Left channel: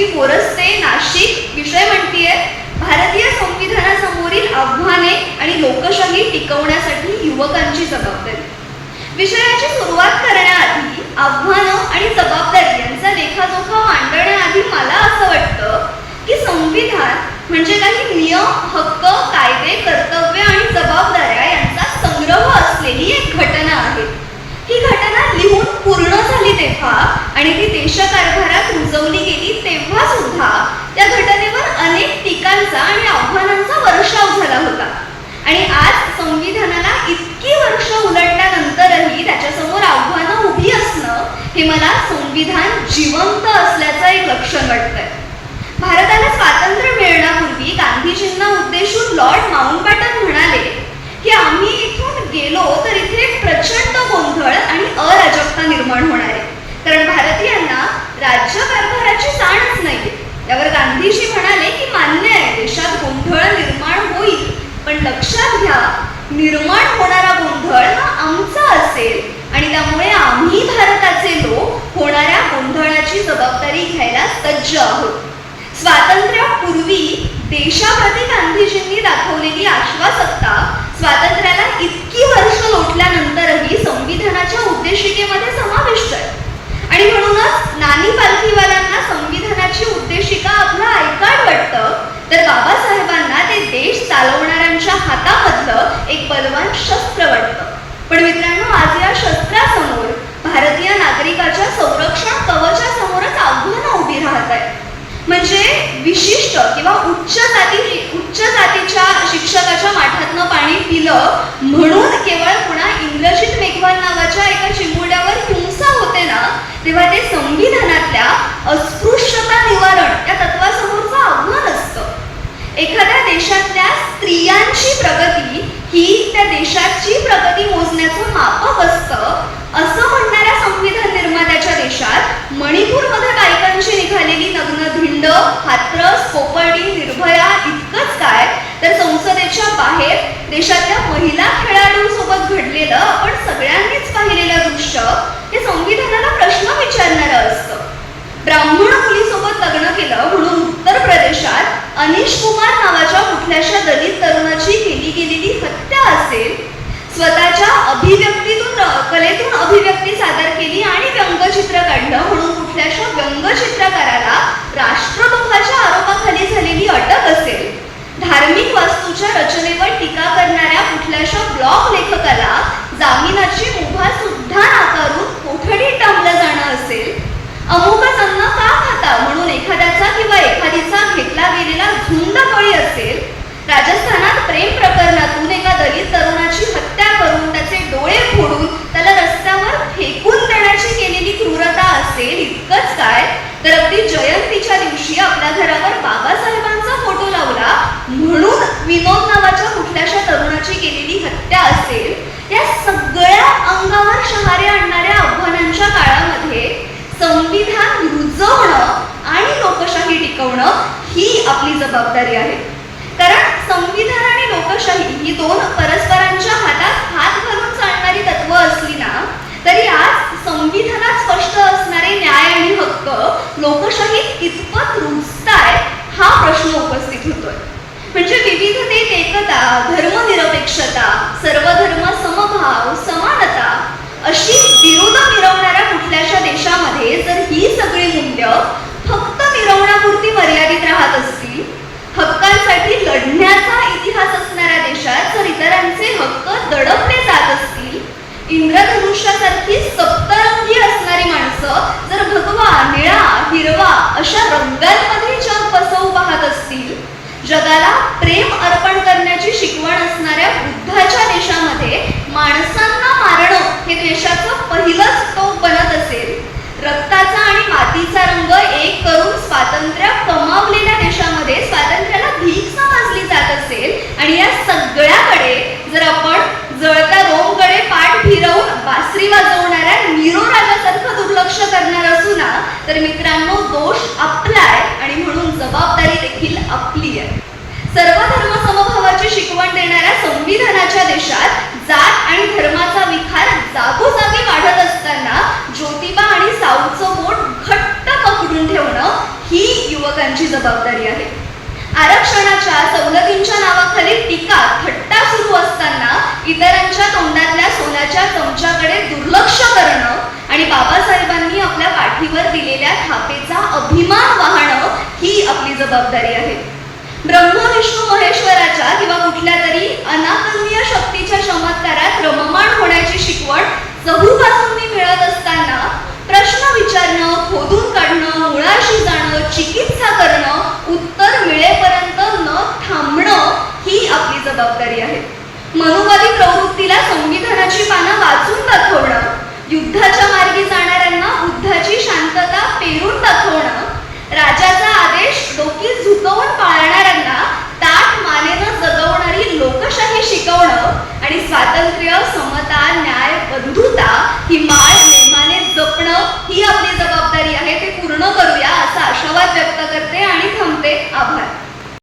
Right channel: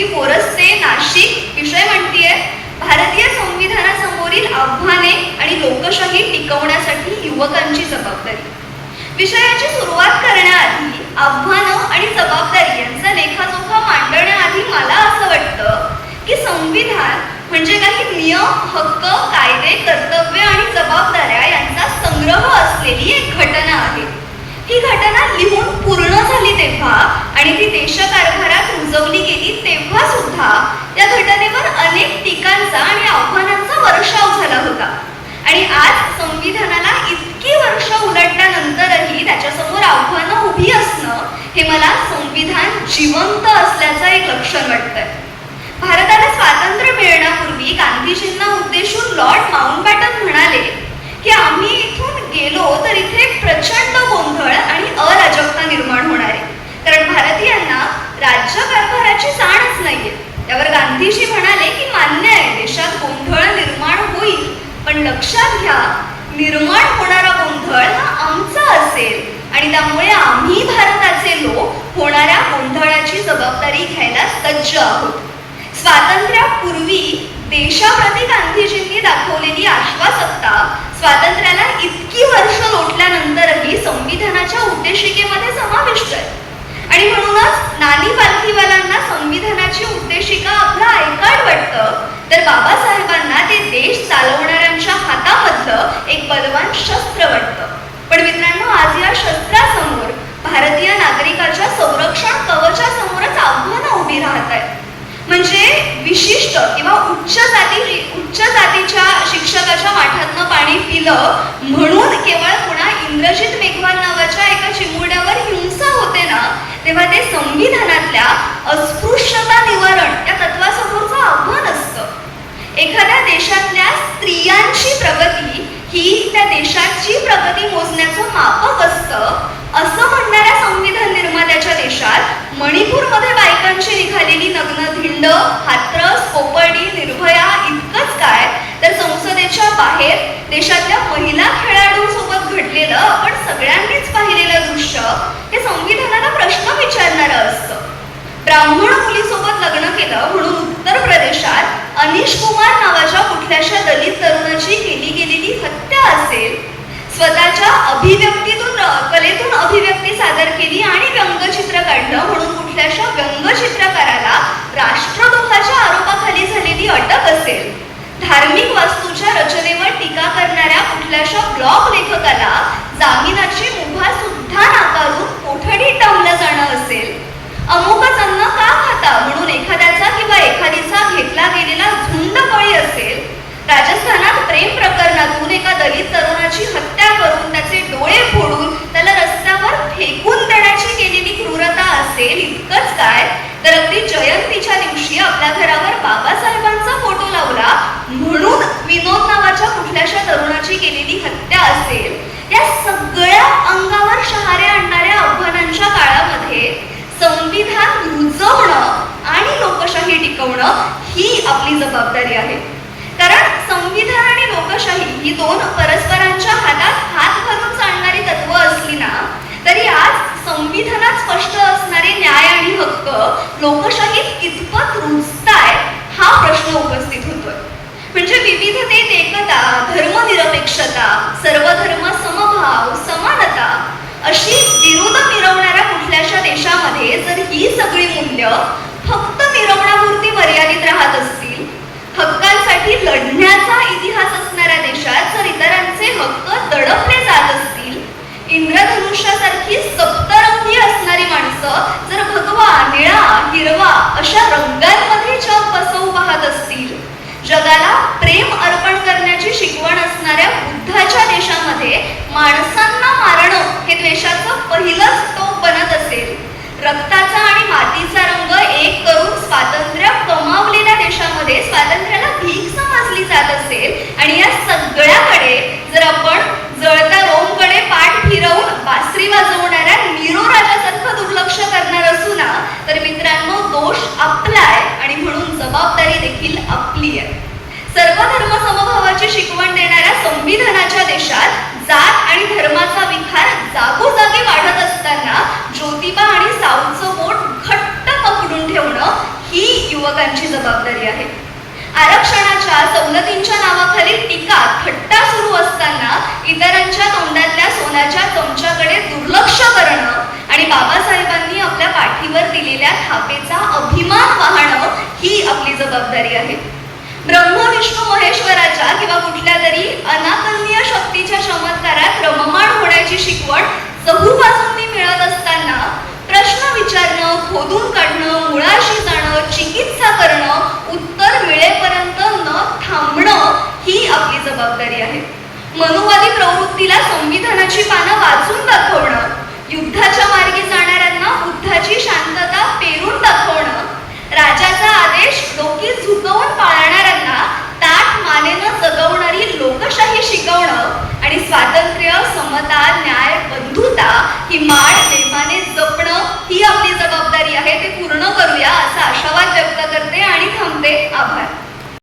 श्रुती बोरस्ते नाशिक. विषय म्हणतीये भारतीय संविधानासमोरील आव्हाने आणि लोकशाही टिकवण्यासाठी युवकांची जबाबदारी. विषयाची सुरुवात करण्याआधी आव्हानं आणि जबाबदारी यांचा लेखाजोखा मांडण्याआधी मला असं वाटतं की संविधान म्हणजे काही नियम हक्क कायदे कर्तव्य श्रीमंत जिवंत असल्याचं एक लक्षण वाटतंय. भारताला स्वातंत्र्य मिळण्यापूर्वी गांधीजींना उद्देशून लॉर्ड माउंटबॅटन म्हणाले की आम्ही इथून गेलो तर इथे एक प्रचंड गोंधळ आणि अराजकता देशाप्रती गांधीजींनी दाखवलेली आश्वासकता स्वातंत्र्याला इतकी वर्ष लोटल्यानंतरही संविधानाच्या उद्देशिकेमध्ये समाविष्ट आहे. आणि म्हणूनच नानी पालखीवाल्यांना संविधान स्त्रियांची प्रगती ही त्या देशाची प्रगती मोजण्याचं मापक असतं. असं म्हणणाऱ्या संविधान निर्मात्याच्या देशात मणिपूरमध्ये बायकांची निघालेली नग्न स्वतःच्या अभिव्यक्तीतून कलेतून अभिव्यक्ती सादर केली आणि व्यंगचित्र काढलं म्हणून कुठल्याशा व्यंगचित्रकाराला राष्ट्रद्रोहाच्या आरोपाखाली झालेली अटक असेल. धार्मिक वास्तूच्या रचनेवर टीका करणाऱ्या कुठल्याशा ब्लॉग लेखकाला जामिनाची संविधान रुजवणं आणि लोकशाही टिकवणं ही आपली जबाबदारी आहे. कारण संविधान आणि लोकशाही ही दोन ही सगळी मूल्य फक्त मिरवण्यापुरती मर्यादित राहत असतील हक्कांसाठी लढण्याचा इतिहास असणाऱ्या देशात जर इतरांचे हक्क दडपले जात असतील इंद्रधनुष्यासारखी सप्तरंगी असणारी माणसं जर भगवा निळा हिरवा अशा रंगांमध्ये जग बसवू पाहत असतील जगाला प्रेम अर्पण करण्याची शिकवण असणाऱ्या बुद्धाच्या देशामध्ये माणसांना मारणं हे द्वेषाचं पहिलंच टोक बनत असेल रक्ताचा मातीचा रंग एक करून स्वातंत्र्य कमावलेल्या देशामध्ये स्वातंत्र्याला भीक समजली जात असेल आणि या सगळ्याकडे जर आपण जळत्या रोमकडे पाठ फिरवून बासरी वाजवणाऱ्या निरो राजासारखं दुर्लक्ष करणार असू ना तर मित्रांनो दोष आपला आहे आणि म्हणून जबाबदारी देखील आपली आहे. सर्व धर्म समभावाची शिकवण देणाऱ्या संविधानाच्या देशात जात आणि धर्माचा तोंडातल्या तुमच्याकडे दुर्लक्ष करणं आणि बाबासाहेबांनी आपल्या पाठीवर दिलेल्या थापेचा अभिमान वाहणं ही आपली जबाबदारी आहे.